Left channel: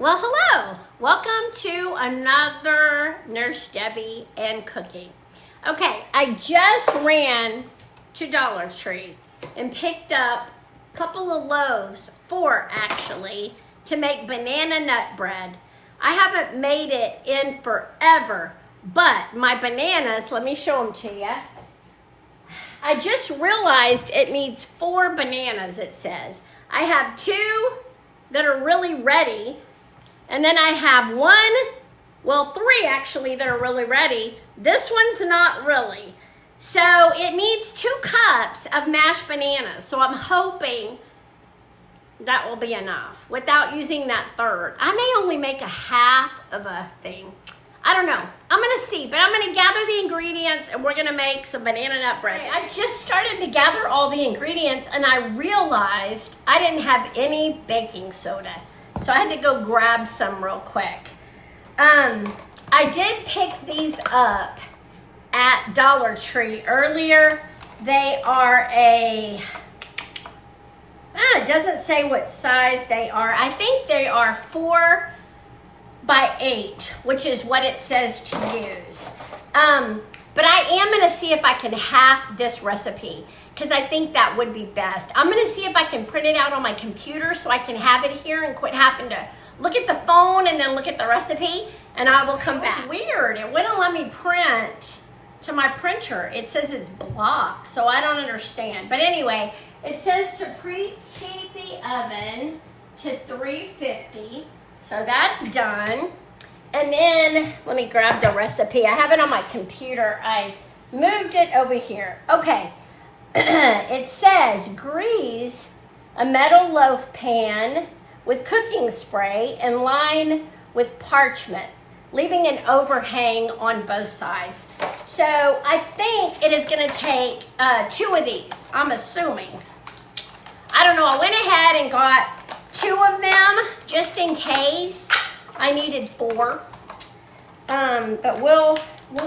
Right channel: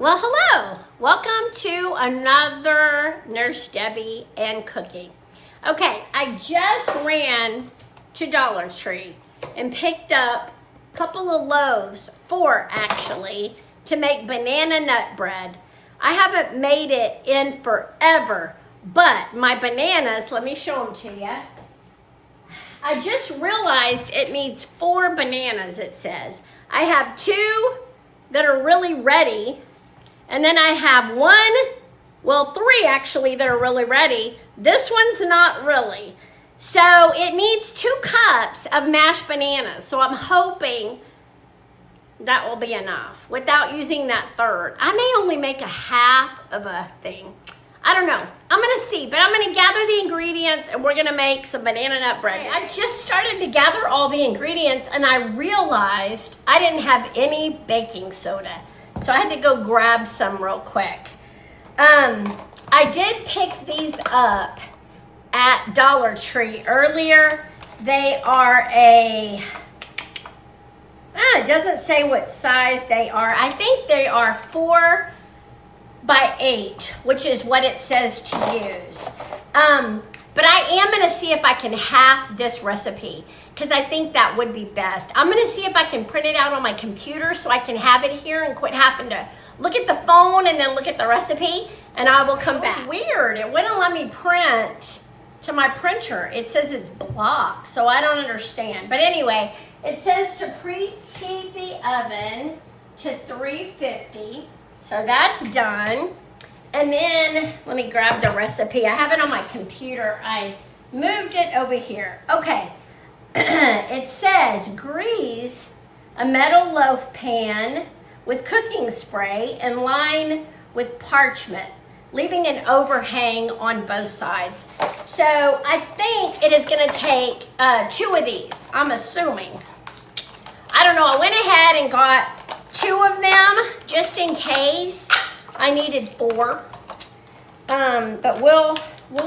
Well, hello. Welcome to another Nurse Debbie and Cooking. Okay, I just ran to Dollar Tree and picked up a couple of loaves, 4 actually, to make banana nut bread. I haven't made it in forever, but my bananas, let me show them to you. I just realized it needs 4 bananas, it says. I have 2 that are really ready. And then I have 3 actually that are really ready. This one's not really. So it needs 2 cups of mashed bananas. So I'm hoping that will be enough without using that third. I may only make a half of a thing. I don't know. I'm gonna see, but I'm gonna gather the ingredients and we're gonna make some banana nut bread. I just started to gather all the ingredients and I realized I didn't have any baking soda. So I had to go grab some real quick. I did pick these up at Dollar Tree earlier. They are it doesn't say what size they are. I think they are 4 by 8, which is what it says to use. But I am gonna see if I can half this recipe because I think that would be best. I'm gonna see if I can print it out on my computer so I can have it here and quit having to look at the phone and then look at the recipe, and I will come back. It's weird, it wouldn't let me print to my printer. It says it's blocked, so I don't understand. But anyway, it says to preheat the oven to 350, so that's done. And then, let me grab the recipe. I have it on my computer. I moved it over here. Okay, it says grease a metal loaf pan with cooking spray and line with parchment, leaving an overhang on both sides. So I think it is gonna take 2 of these, I'm assuming. I don't know, I went ahead and got 2 of them just in case. I needed 4, but we'll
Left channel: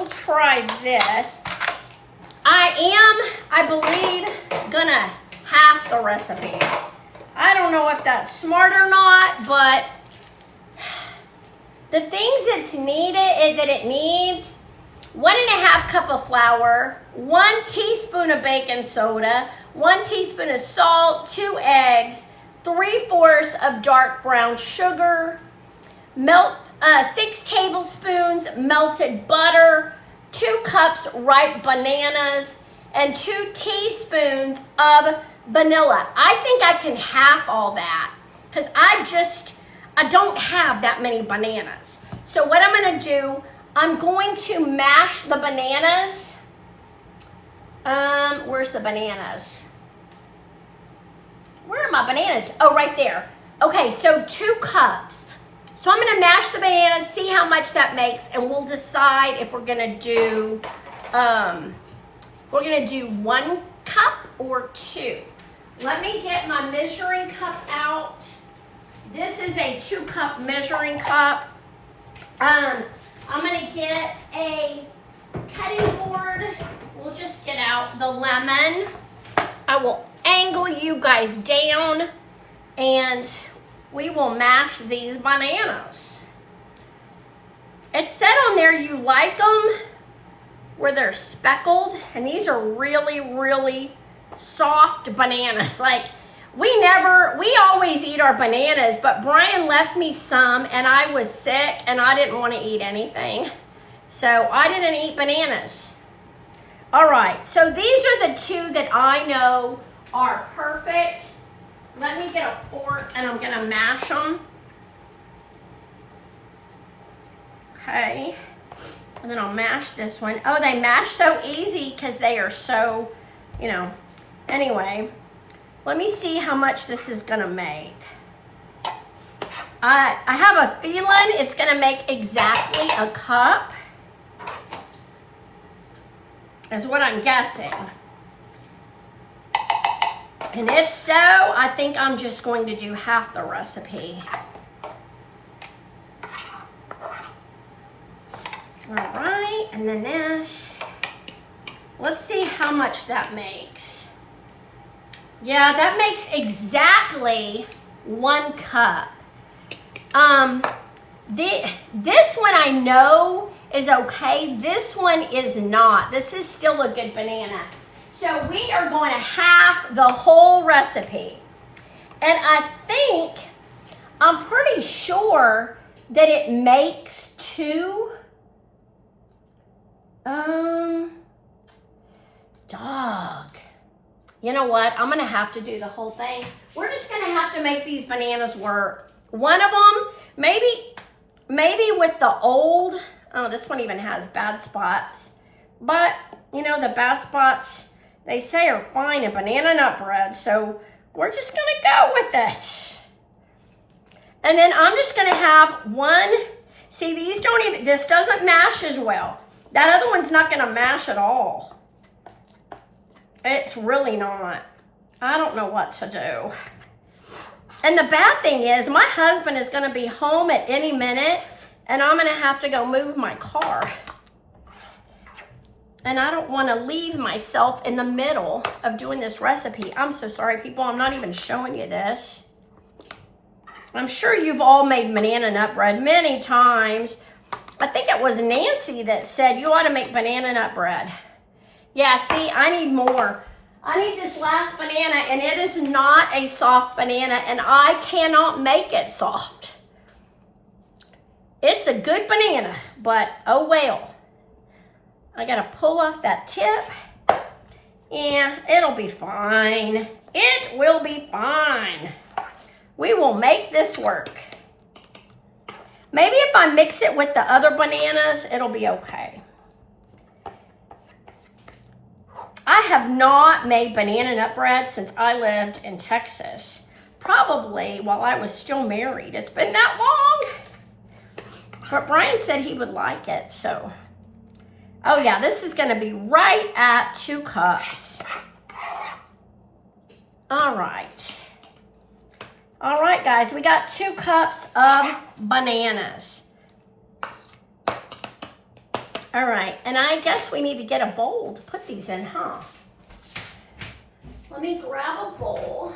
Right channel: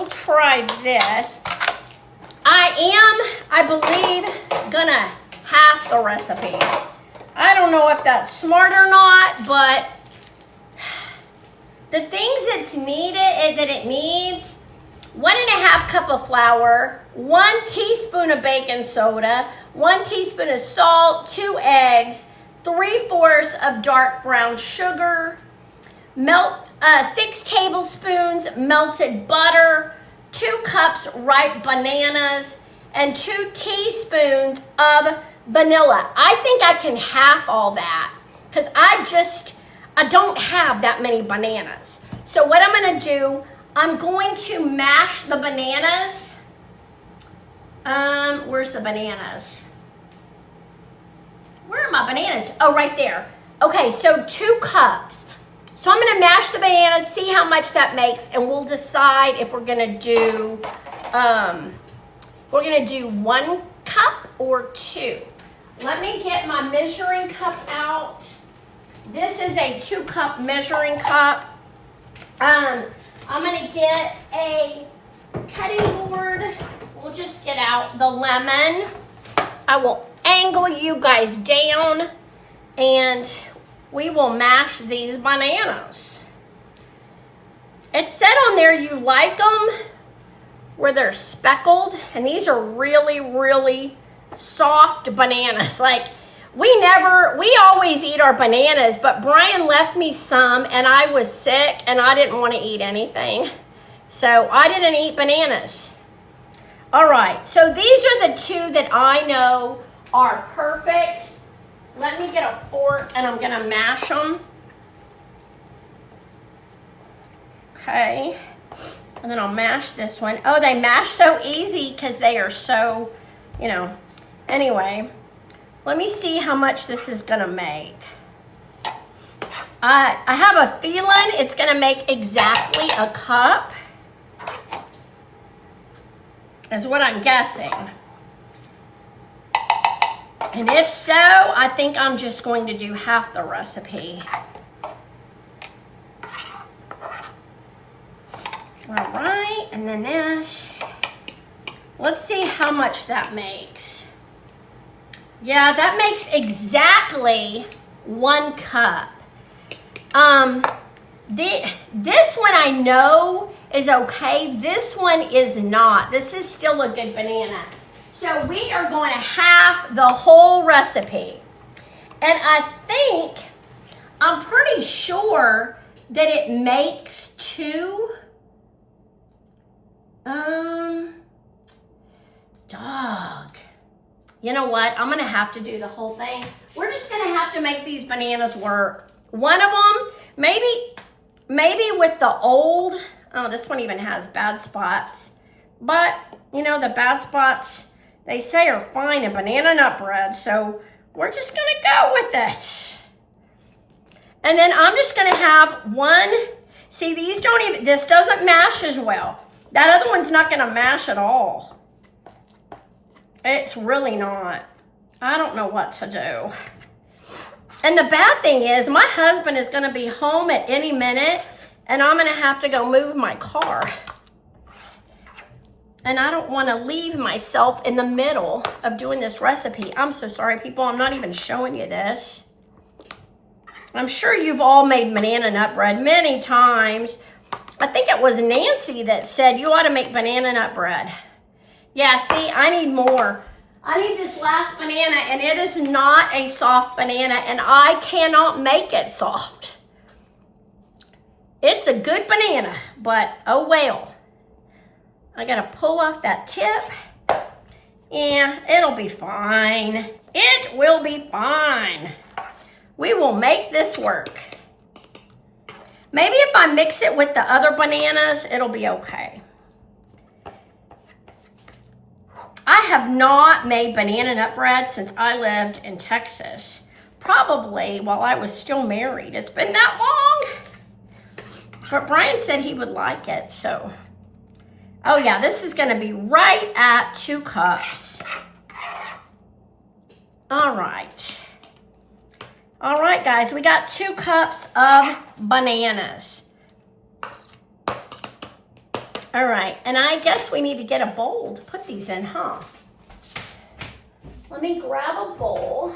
try this. I believe, gonna half the recipe. I don't know if that's smart or not, but the things that it needs, 1.5 cup of flour, 1 teaspoon of baking soda, 1 teaspoon of salt, 2 eggs, 3/4 of dark brown sugar, 6 tablespoons melted butter, 2 cups ripe bananas, and 2 teaspoons of vanilla. I think I can half all that because I don't have that many bananas. So what I'm gonna do, I'm going to mash the bananas. Where's the bananas? Where are my bananas? Oh, right there. Okay, so 2 cups. So I'm gonna mash the bananas, see how much that makes, and we'll decide if we're gonna do 1 cup or 2. Let me get my measuring cup out. This is a 2 cup measuring cup. I'm gonna get a cutting board. We'll just get out the lemon. I will angle you guys down and we will mash these bananas. It said on there you like them where they're speckled, and these are really, really soft bananas. Like, we always eat our bananas, but Brian left me some and I was sick and I didn't want to eat anything. So I didn't eat bananas. All right, so these are the 2 that I know are perfect. Let me get a fork and I'm gonna mash them. Okay, and then I'll mash this one. Oh, they mash so easy because they are so, anyway. Let me see how much this is gonna make. I have a feeling it's gonna make exactly a cup, is what I'm guessing. And if so, I think I'm just going to do half the recipe. All right, and then this. Let's see how much that makes. Yeah, that makes exactly 1 cup. This one I know is okay. This one is not. This is still a good banana. So we are going to half the whole recipe. And I'm pretty sure that it makes 2. Dog. You know what? I'm gonna have to do the whole thing. We're just gonna have to make these bananas work. One of them, maybe with the old, oh, this one even has bad spots. But, you know, the bad spots, they say are fine in banana nut bread. So we're just gonna go with it. And then I'm just gonna have one, see these don't even, this doesn't mash as well. That other one's not gonna mash at all. It's really not. I don't know what to do. And the bad thing is my husband is gonna be home at any minute and I'm gonna have to go move my car. And I don't wanna leave myself in the middle of doing this recipe. I'm so sorry, people, I'm not even showing you this. I'm sure you've all made banana nut bread many times. I think it was Nancy that said you ought to make banana nut bread. Yeah, see, I need more. I need this last banana, and it is not a soft banana, and I cannot make it soft. It's a good banana, but oh well. I gotta pull off that tip. Yeah, it'll be fine. It will be fine. We will make this work. Maybe if I mix it with the other bananas, it'll be okay. I have not made banana nut bread since I lived in Texas. Probably while I was still married. It's been that long. But Brian said he would like it, so. Oh yeah, this is gonna be right at 2 cups. All right. All right, guys, we got 2 cups of bananas. All right, and I guess we need to get a bowl to put these in, huh? Let me grab a bowl.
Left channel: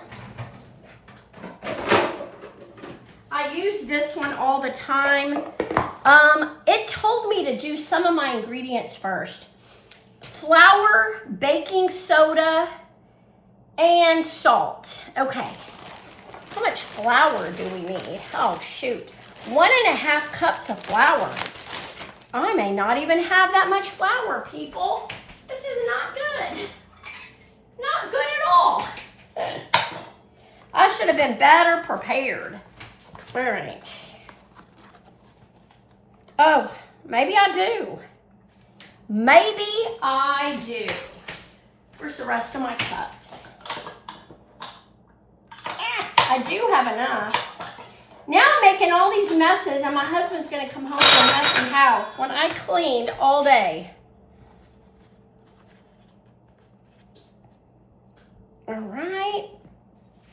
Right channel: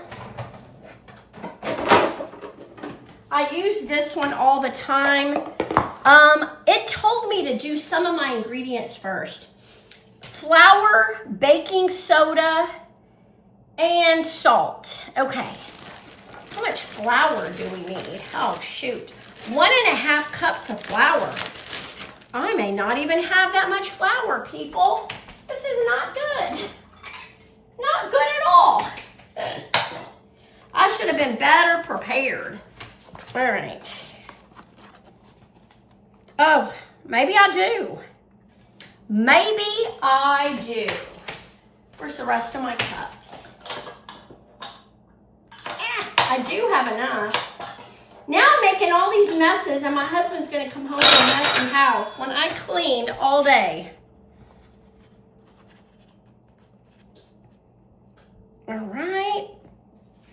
I use this one all the time. It told me to do some of my ingredients first. Flour, baking soda, and salt. Okay, how much flour do we need? Oh, shoot. 1.5 cups of flour. I may not even have that much flour, people. This is not good. Not good at all. I should have been better prepared. All right. Oh, maybe I do. Maybe I do. Where's the rest of my cups? I do have enough. Now I'm making all these messes and my husband's gonna come home to a messy house when I cleaned all day. All right,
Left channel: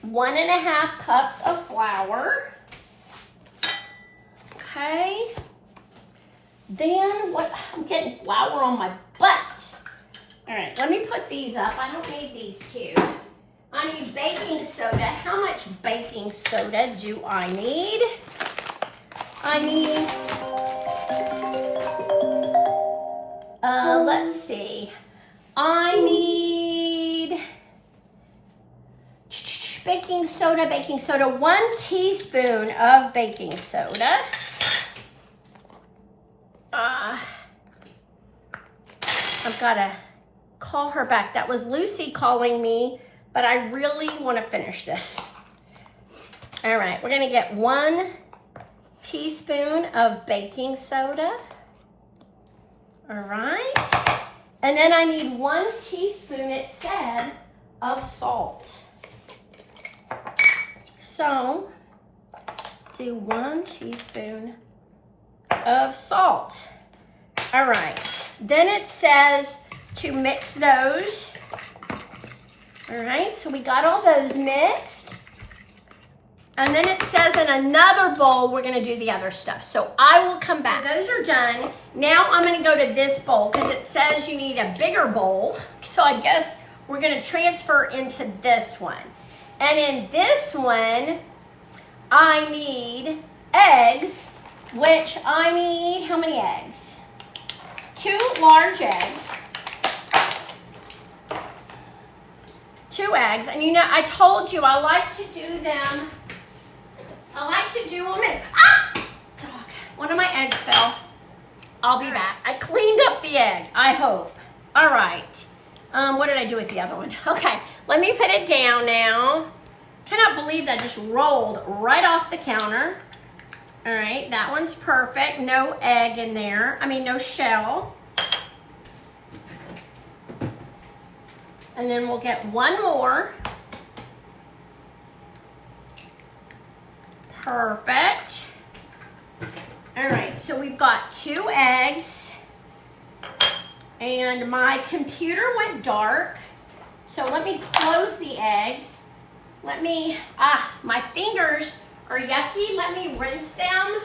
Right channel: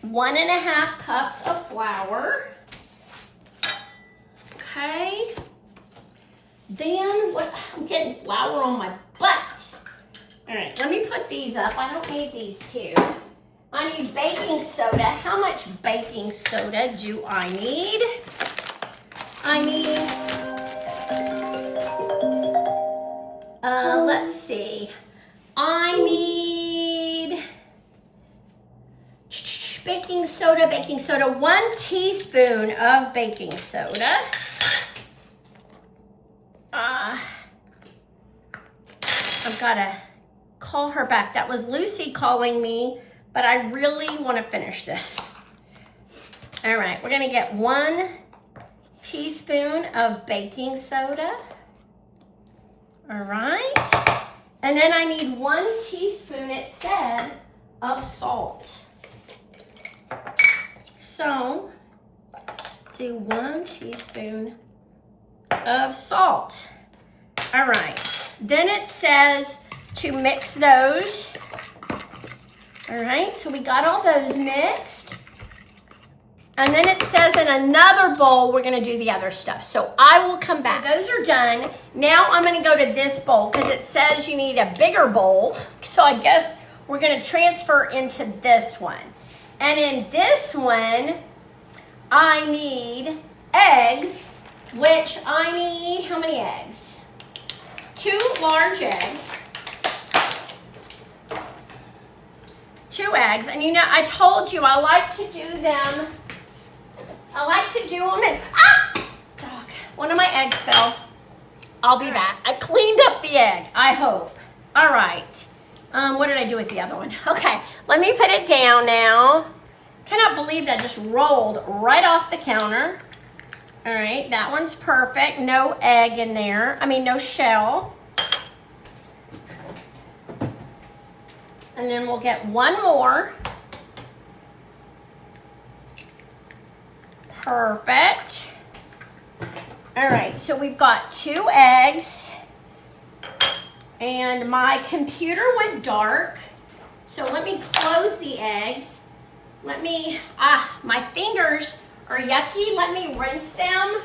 1.5 cups of flour. Okay. Then what, I'm getting flour on my butt. All right, let me put these up. I don't need these 2. I need baking soda. How much baking soda do I need? I need, let's see. I need baking soda, 1 teaspoon of baking soda. I've got to call her back. That was Lucy calling me. But I really want to finish this. All right, we're gonna get 1 teaspoon of baking soda. All right, and then I need 1 teaspoon, it said, of salt. So, do 1 teaspoon of salt. All right, then it says to mix those. All right, so we got all those mixed. And then it says in another bowl, we're gonna do the other stuff. So I will come back. So those are done. Now I'm gonna go to this bowl because it says you need a bigger bowl. So I guess we're gonna transfer into this one. And in this one, I need eggs, which I need, how many eggs? 2 large eggs. 2 eggs, and you know, I told you I like to do them in, dog, one of my eggs fell. I'll be back. I cleaned up the egg, I hope. All right, what did I do with the other one? Okay, let me put it down now. Cannot believe that just rolled right off the counter. All right, that one's perfect. No egg in there, I mean no shell. And then we'll get one more. Perfect. All right, so we've got 2 eggs. And my computer went dark. So let me close the eggs. Let me, my fingers are yucky. Let me rinse them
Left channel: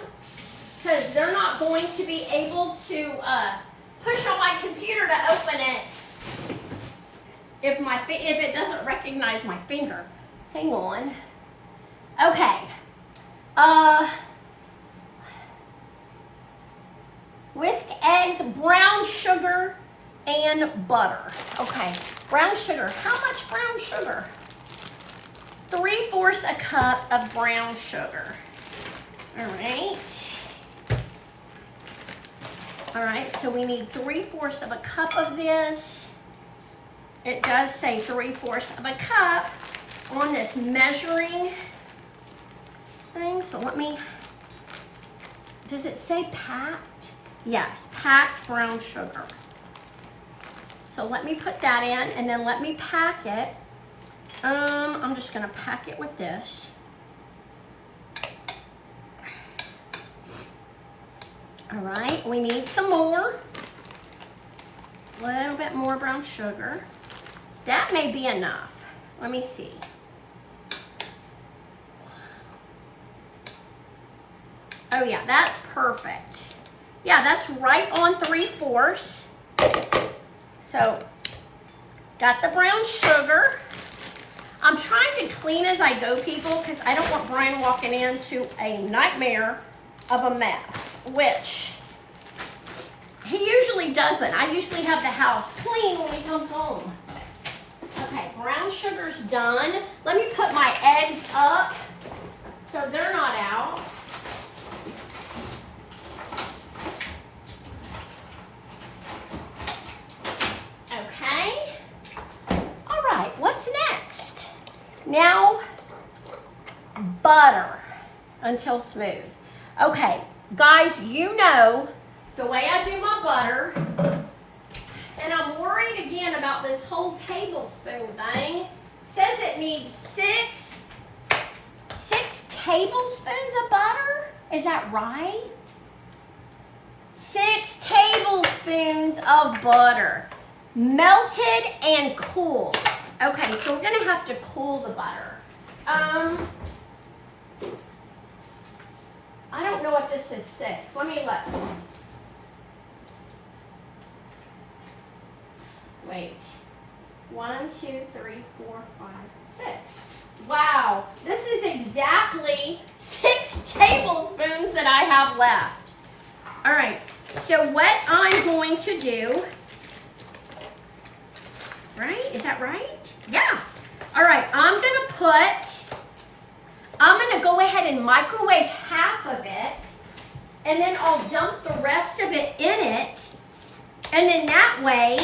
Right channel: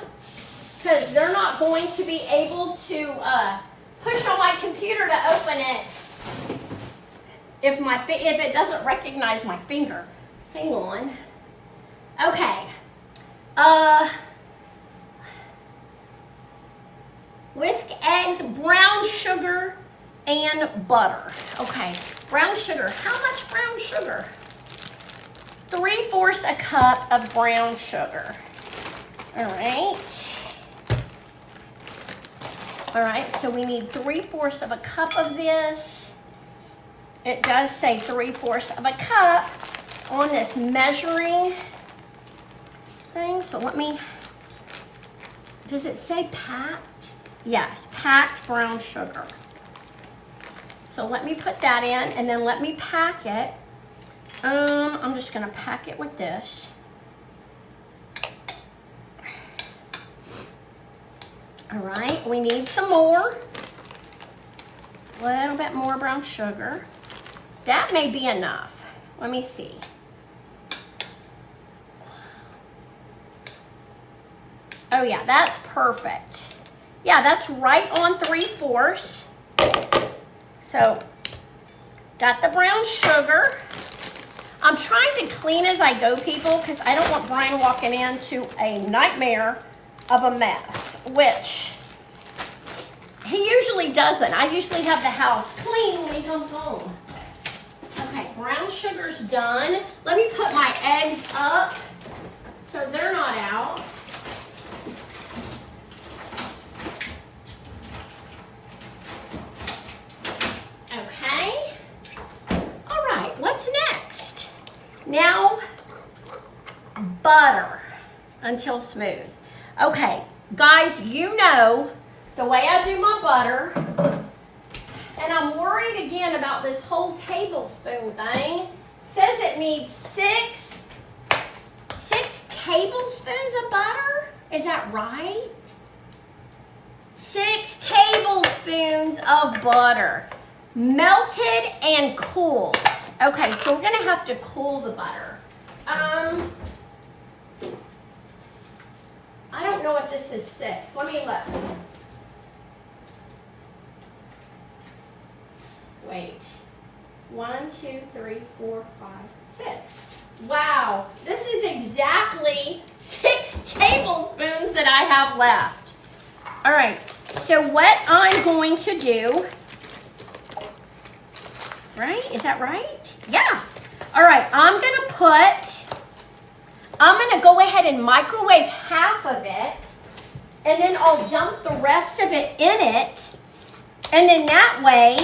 because they're not going to be able to push on my computer to open it if it doesn't recognize my finger. Hang on. Okay. Whisk eggs, brown sugar, and butter. Okay, brown sugar. How much brown sugar? 3/4 a cup of brown sugar. All right. All right, so we need 3/4 of a cup of this. It does say 3/4 of a cup on this measuring thing. So let me, does it say packed? Yes, packed brown sugar. So let me put that in and then let me pack it. I'm just gonna pack it with this. All right, we need some more. A little bit more brown sugar. That may be enough. Let me see. Oh yeah, that's perfect. Yeah, that's right on 3/4. So, got the brown sugar. I'm trying to clean as I go, people, because I don't want Brian walking into a nightmare of a mess, which he usually doesn't. I usually have the house clean when he comes home. Okay, brown sugar's done. Let me put my eggs up so they're not out. Okay. All right, what's next? Now, butter until smooth. Okay, guys, you know the way I do my butter. And I'm worried again about this whole tablespoon thing. It says it needs six tablespoons of butter. Is that right? 6 tablespoons of butter. Melted and cooled. Okay, so we're gonna have to cool the butter. I don't know if this is 6. Let me look. Wait. 1, 2, 3, 4, 5, 6. Wow, this is exactly 6 tablespoons that I have left. All right, so what I'm going to do, right? Is that right? Yeah. All right, I'm gonna go ahead and microwave half of it, and then I'll dump the rest of it in it, and then that way,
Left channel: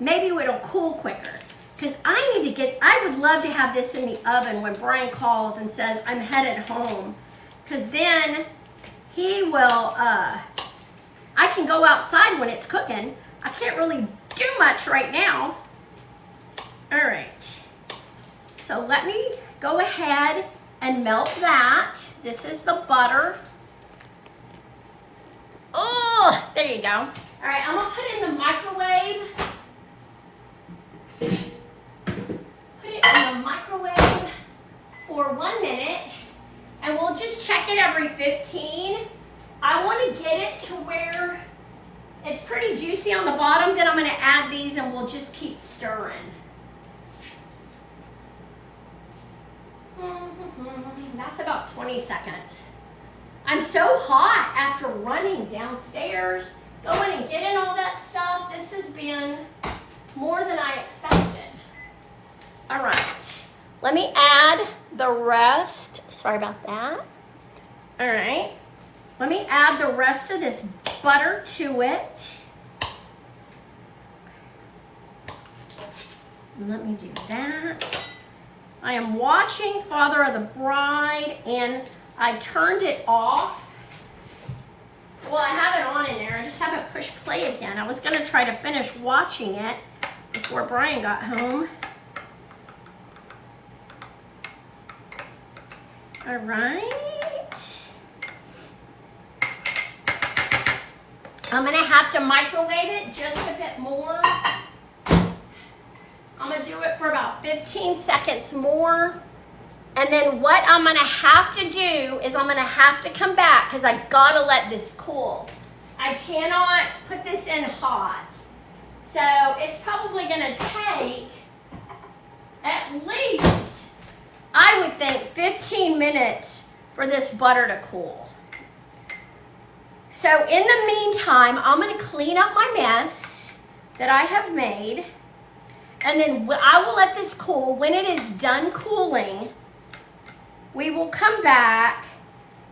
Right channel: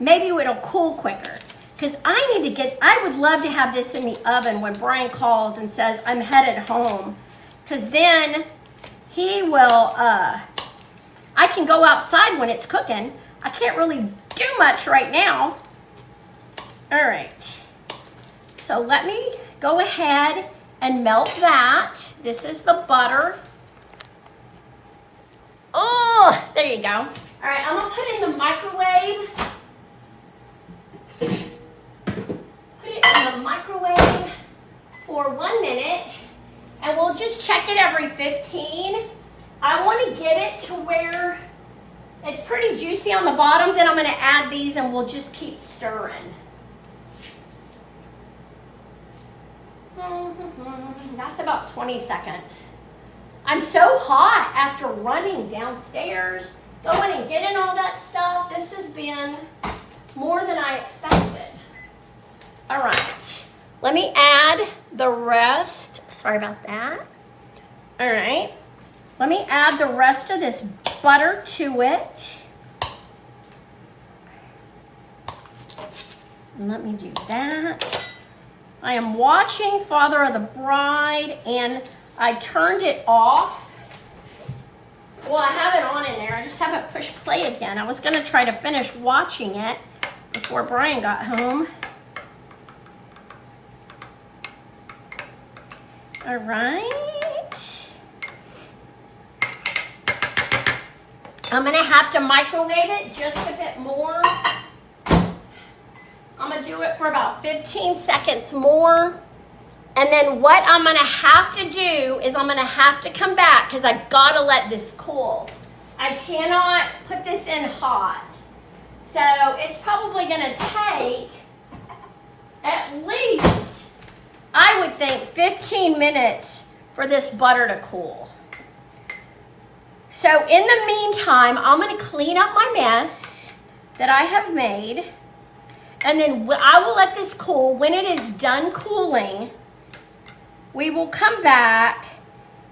maybe it'll cool quicker. Because I would love to have this in the oven when Brian calls and says, I'm headed home. Because then he will, I can go outside when it's cooking. I can't really do much right now. All right. So let me go ahead and melt that. This is the butter. Oh, there you go. All right, I'm gonna put it in the microwave. Put it in the microwave for 1 minute, and we'll just check it every 15. I want to get it to where it's pretty juicy on the bottom. Then I'm going to add these, and we'll just keep stirring. That's about 20 seconds. I'm so hot after running downstairs, going and getting all that stuff. This has been more than I expected. All right, let me add the rest. Sorry about that. All right, let me add the rest of this butter to it. And let me do that. I am watching Father of the Bride, and I turned it off. Well, I have it on in there. I just haven't pushed play again. I was going to try to finish watching it before Brian got home. All right. I'm going to have to microwave it just a bit more. I'm going to do it for about 15 seconds more. And then what I'm going to have to do is I'm going to have to come back because I got to let this cool. I cannot put this in hot. So it's probably going to take at least, I would think, 15 minutes for this butter to cool. So in the meantime, I'm going to clean up my mess that I have made. And then I will let this cool. When it is done cooling, we will come back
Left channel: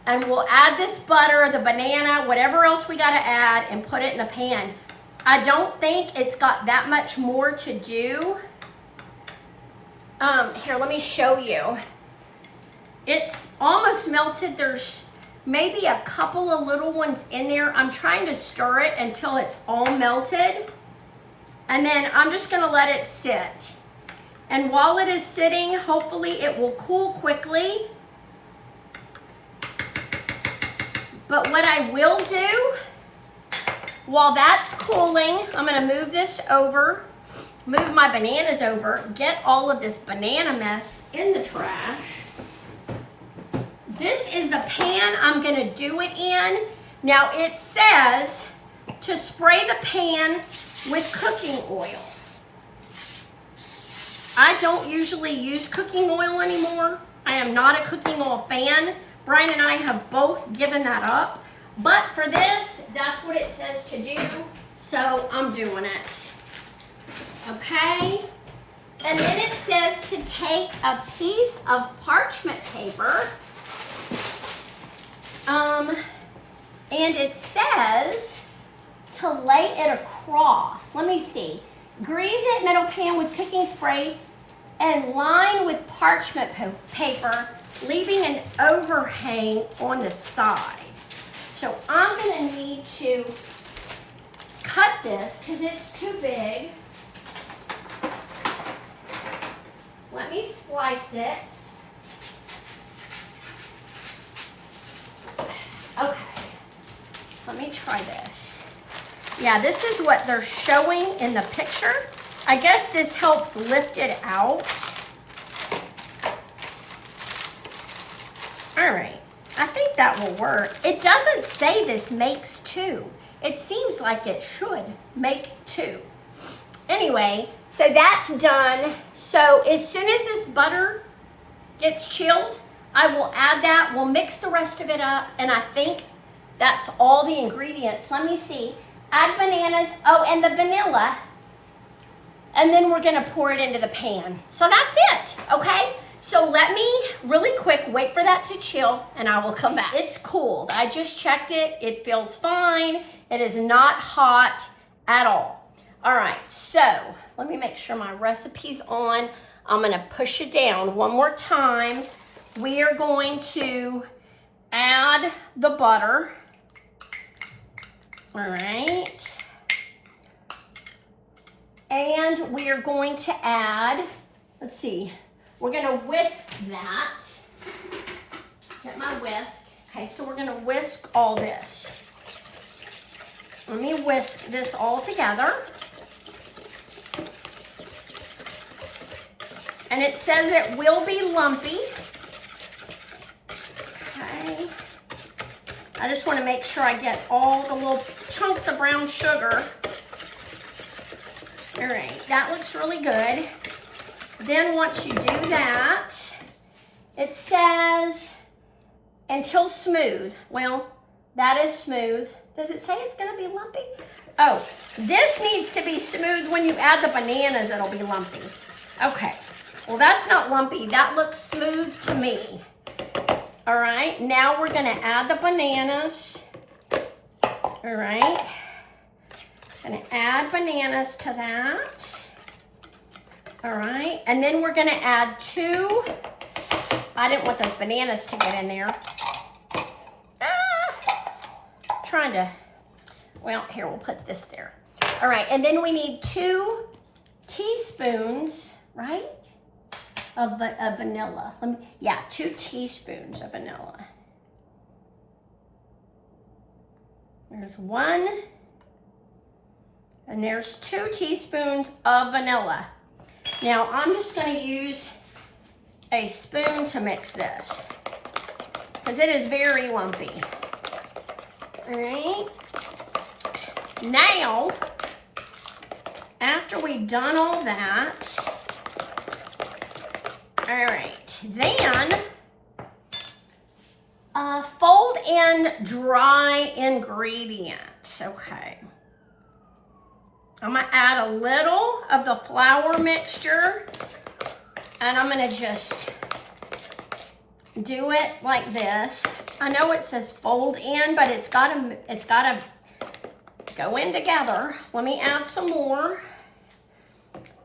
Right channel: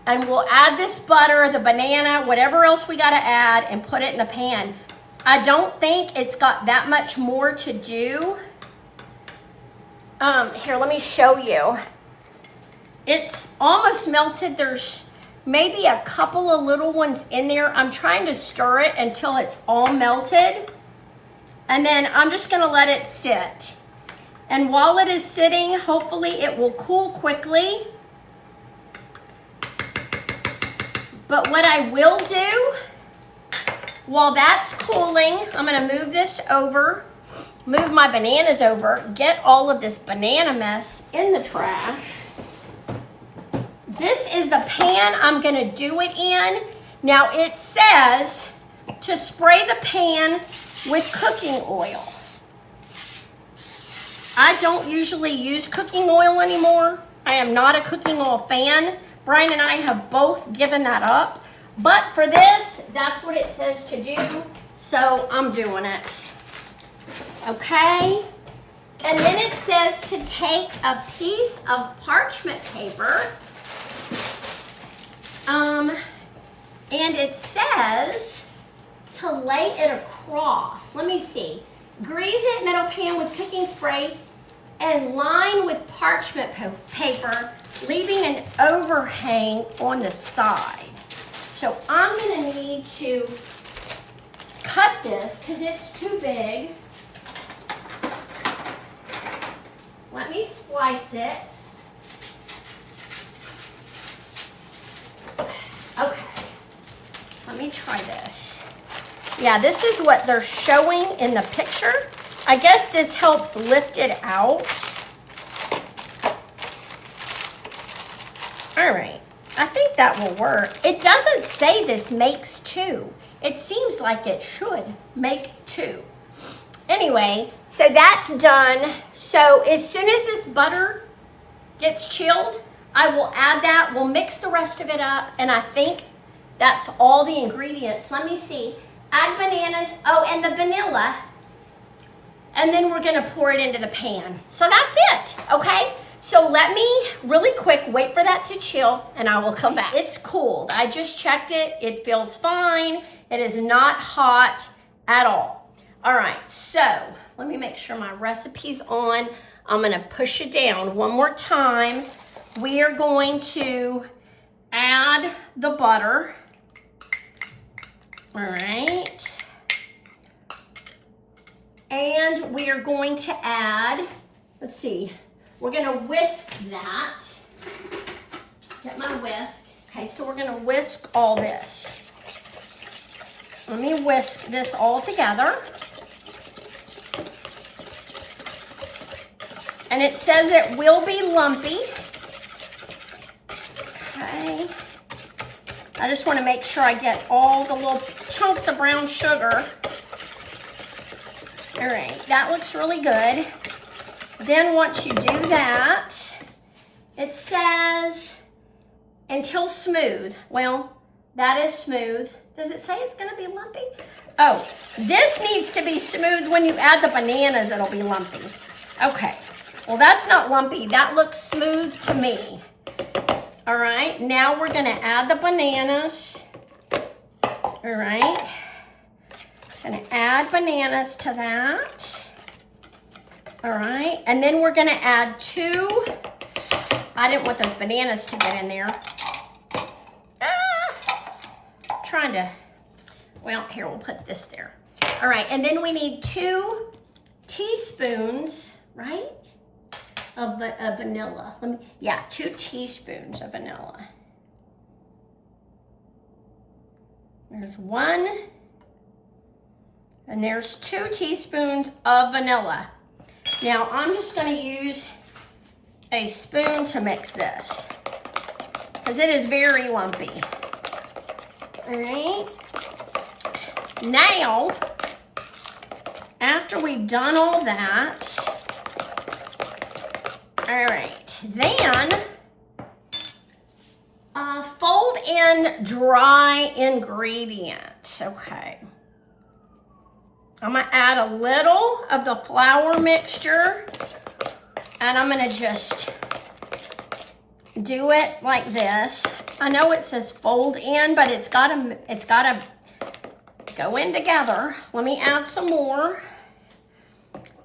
and we'll add this butter, the banana, whatever else we got to add, and put it in the pan. I don't think it's got that much more to do. Here, let me show you. It's almost melted. There's maybe a couple of little ones in there. I'm trying to stir it until it's all melted. And then I'm just going to let it sit. And while it is sitting, hopefully it will cool quickly. But what I will do, while that's cooling, I'm going to move this over, move my bananas over, get all of this banana mess in the trash. This is the pan I'm going to do it in. Now it says to spray the pan with cooking oil. I don't usually use cooking oil anymore. I am not a cooking oil fan. Brian and I have both given that up. But for this, that's what it says to do. So I'm doing it. Okay? And then it says to take a piece of parchment paper. And it says to lay it across. Let me see. Grease it, metal pan with cooking spray, and line with parchment paper, leaving an overhang on the side. So I'm going to need to cut this because it's too big. Let me slice it. Okay. Let me try this. Yeah, this is what they're showing in the picture. I guess this helps lift it out. All right, I think that will work. It doesn't say this makes two. It seems like it should make two. Anyway, so that's done. So as soon as this butter gets chilled, I will add that. We'll mix the rest of it up, and I think that's all the ingredients. Let me see. Add bananas, oh, and the vanilla, and then we're gonna pour it into the pan. So that's it, okay? So let me, really quick, wait for that to chill, and I will come back. It's cooled. I just checked it. It feels fine. It is not hot at all. All right, so let me make sure my recipe's on. I'm gonna push it down one more time. We are going to add the butter. All right. And we are going to add, let's see, we're gonna whisk that. Get my whisk. Okay, so we're gonna whisk all this. Let me whisk this all together. And it says it will be lumpy. Okay. I just want to make sure I get all the little chunks of brown sugar. All right, that looks really good. Then once you do that, It says until smooth. Well, that is smooth. Does it say it's gonna be lumpy? Oh, this needs to be smooth. When you add the bananas, it'll be lumpy. Okay, well that's not lumpy. That looks smooth to me. All right, now we're gonna add the bananas. All right, gonna add bananas to that. All right, and then we're gonna add 2. I didn't want those bananas to get in there. Trying to, well, here, we'll put this there. All right, and then we need 2 teaspoons, right, of vanilla. Yeah, 2 teaspoons of vanilla. There's 1, and there's 2 teaspoons of vanilla. Now, I'm just gonna use a spoon to mix this, because it is very lumpy. All right. Now, after we've done all that, all right, then fold in dry ingredients. Okay. I'm gonna add a little of the flour mixture, and I'm gonna just do it like this. I know it says fold in, but it's gotta go in together. Let me add some more.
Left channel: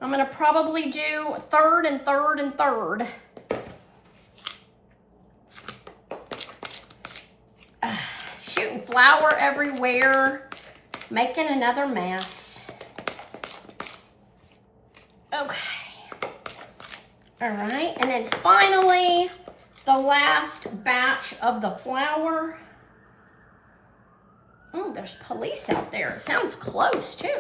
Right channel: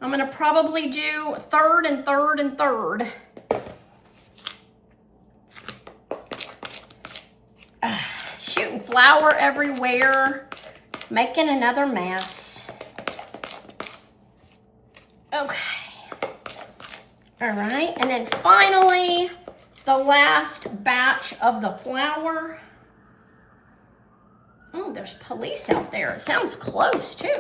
I'm gonna probably do third and third and third. Shooting flour everywhere, making another mess. Okay. All right, and then finally, the last batch of the flour. Oh, there's police out there. It sounds close, too.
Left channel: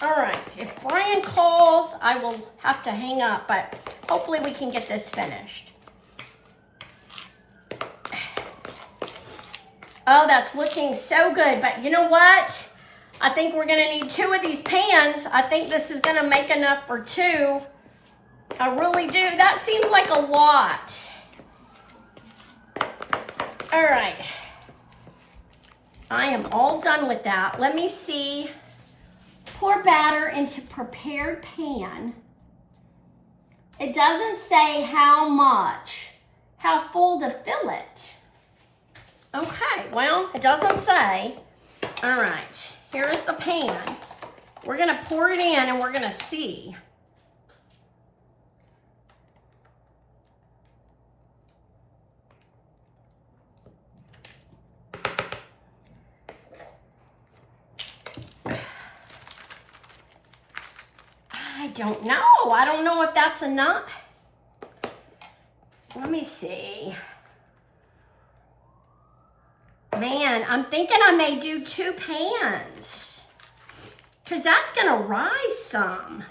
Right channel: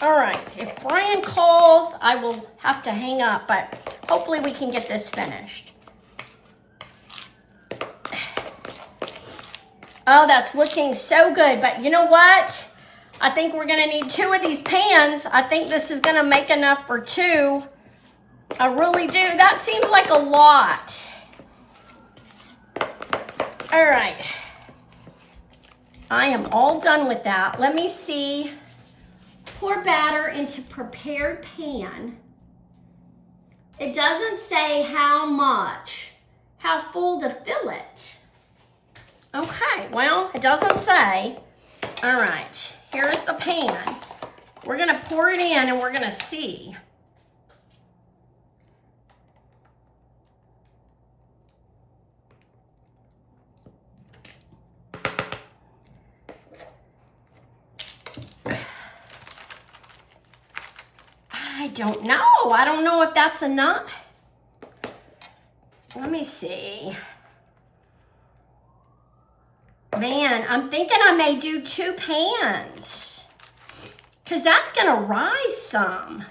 All right, if Brian calls, I will have to hang up, but hopefully we can get this finished. Oh, that's looking so good, but you know what? I think we're gonna need 2 of these pans. I think this is gonna make enough for 2. I really do. That seems like a lot. All right. I am all done with that. Let me see. Pour batter into prepared pan. It doesn't say how much, how full to fill it. Okay, well, it doesn't say. All right, here's the pan. We're gonna pour it in and we're gonna see. I don't know. I don't know if that's enough. Let me see. Man, I'm thinking I may do 2 pans, because that's going to rise some.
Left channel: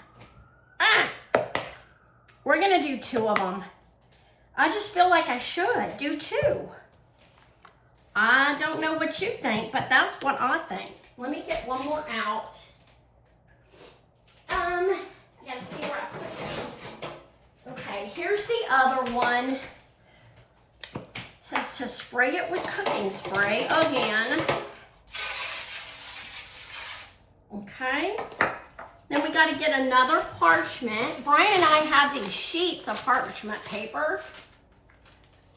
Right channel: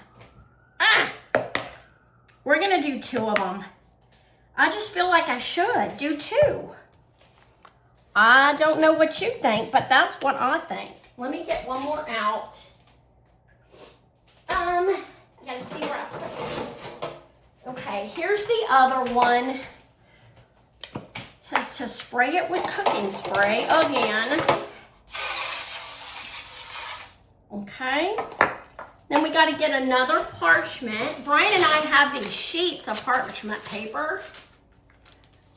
We're going to do 2 of them. I just feel like I should do 2. I don't know what you think, but that's what I think. Let me get one more out. I gotta see where I put it. Okay, here's the other one. It says to spray it with cooking spray again. Okay. Then we gotta get another parchment. Brian and I have these sheets of parchment paper.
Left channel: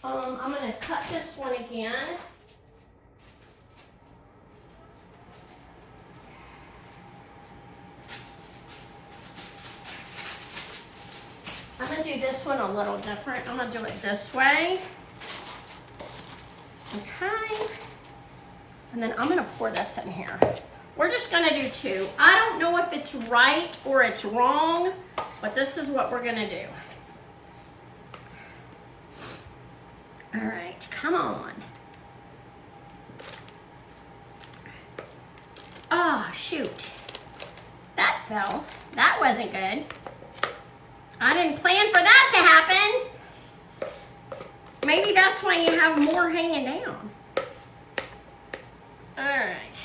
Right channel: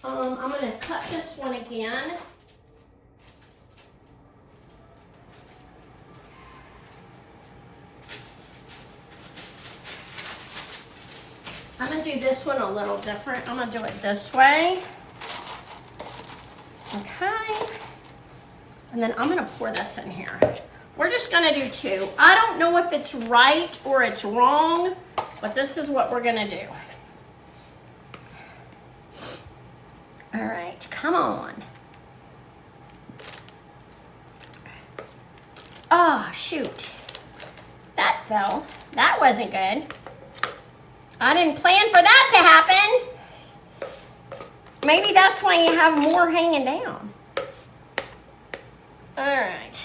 I'm gonna cut this one again. I'm gonna do this one a little different. I'm gonna do it this way. Okay. And then I'm gonna pour this in here. We're just gonna do 2. I don't know if it's right or it's wrong, but this is what we're gonna do. All right, come on. Oh, shoot. That fell. That wasn't good. I didn't plan for that to happen. Maybe that's why you have more hanging down. All right.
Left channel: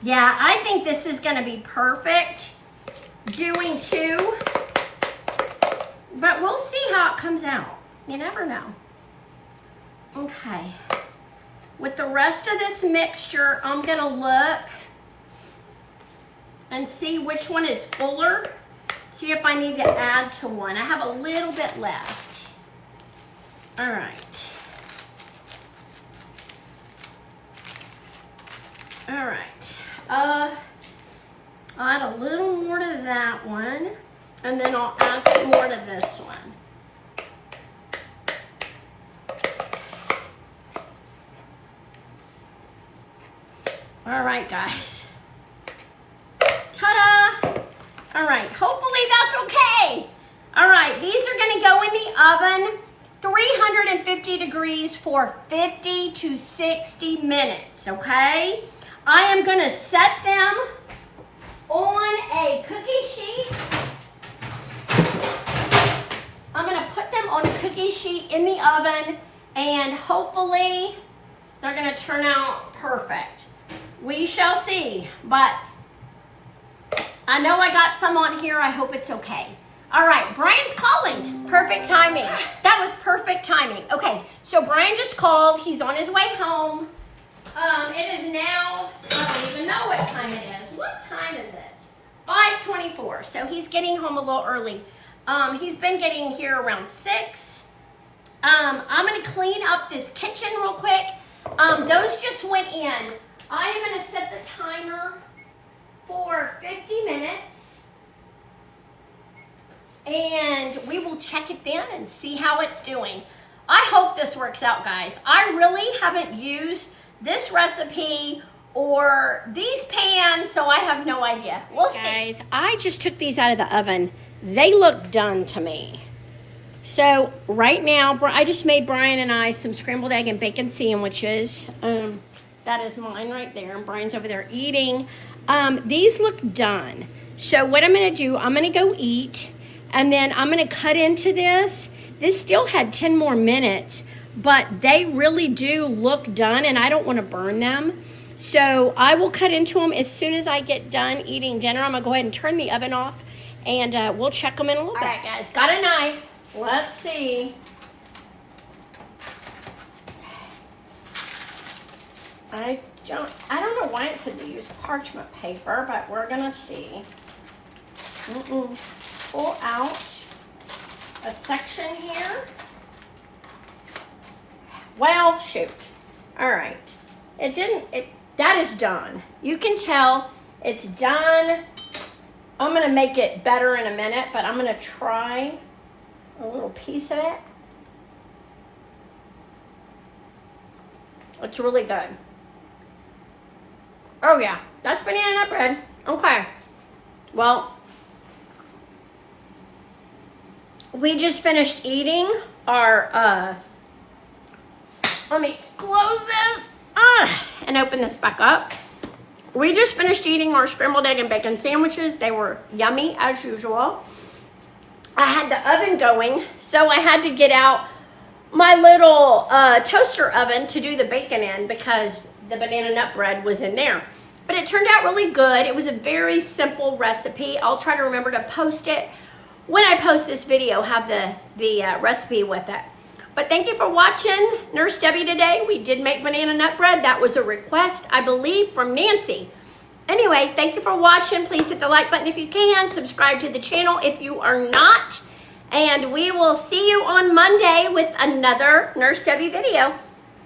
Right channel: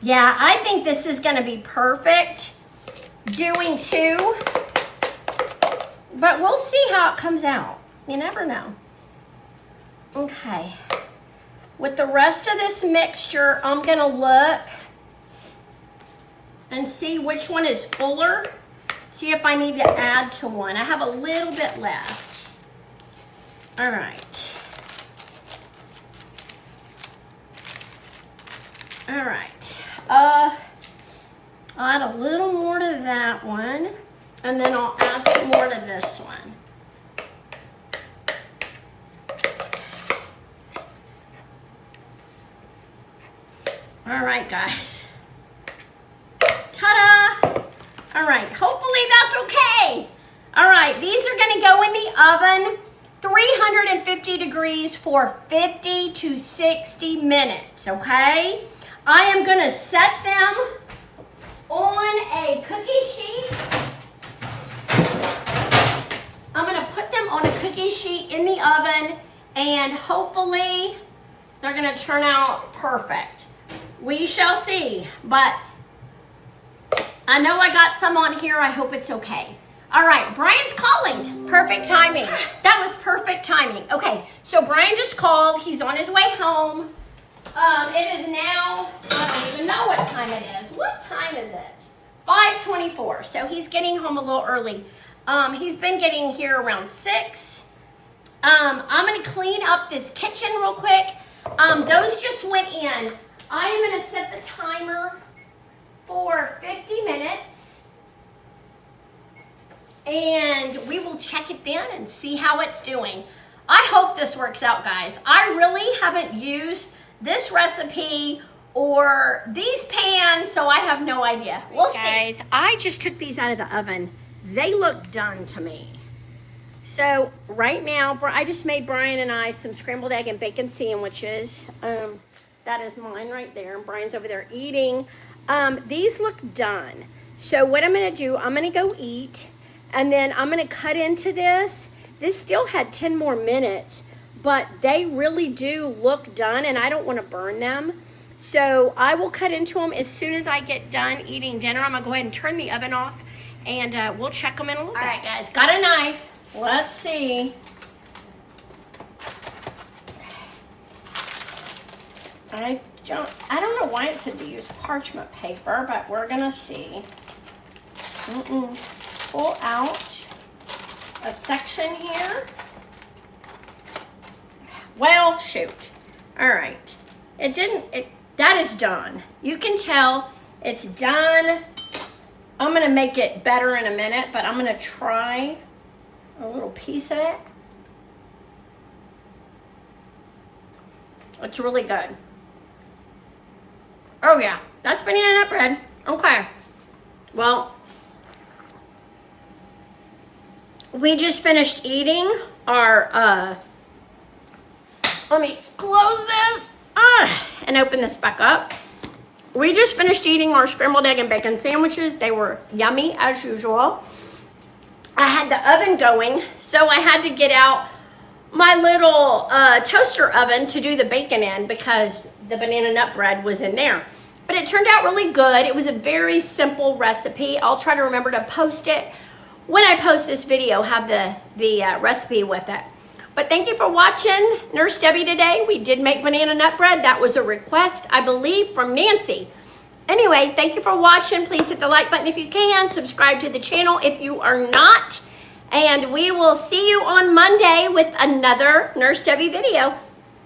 Yeah, I think this is gonna be perfect. Doing 2 But we'll see how it comes out. You never know. Okay. With the rest of this mixture, I'm gonna look and see which one is fuller. See if I need to add to one. I have a little bit left. All right. All right. I'll add a little more to that one, and then I'll add some more to this one. All right, guys. Ta-da! All right, hopefully that's okay. All right, these are gonna go in the oven, 350 degrees for 50 to 60 minutes, okay? I am gonna set them on a cookie sheet. I'm gonna put them on a cookie sheet in the oven, and hopefully they're gonna turn out perfect. We shall see, but I know I got some on here. I hope it's okay. All right, Brian's calling. Perfect timing. That was perfect timing. Okay, so Brian just called. He's on his way home. It is now, I don't even know what time it is. What time is it? 5:24, so he's getting home a little early. He's been getting here around 6. I'm gonna clean up this kitchen real quick. Those just went in. I am gonna set the timer for 50 minutes, and we will check it then and see how it's doing. I hope this works out, guys. I really haven't used this recipe or these pans, so I have no idea. We'll see. Guys, I just took these out of the oven. They look done to me. So right now, I just made Brian and I some scrambled egg and bacon sandwiches. That is mine right there, and Brian's over there eating. These look done. So what I'm gonna do, I'm gonna go eat, and then I'm gonna cut into this. This still had 10 more minutes, but they really do look done, and I don't wanna burn them. So I will cut into them as soon as I get done eating dinner. I'm gonna go ahead and turn the oven off, and we'll check them in a little bit. All right, guys, got a knife. Let's see. I don't know why it said to use parchment paper, but we're gonna see. Pull out a section here. Well, shoot. All right. That is done. You can tell it's done. I'm gonna make it better in a minute, but I'm gonna try a little piece of it. It's really good. Oh yeah, that's banana nut bread. Okay. Well, we just finished eating our, let me close this and open this back up. We just finished eating our scrambled egg and bacon sandwiches. They were yummy as usual. I had the oven going, so I had to get out my little toaster oven to do the bacon in because the banana nut bread was in there. But it turned out really good. It was a very simple recipe. I'll try to remember to post it. When I post this video, have the recipe with it. But thank you for watching Nurse Debbie today. We did make banana nut bread. That was a request, I believe, from Nancy. Anyway, thank you for watching. Please hit the like button if you can. Subscribe to the channel if you are not. And we will see you on Monday with another Nurse Debbie video.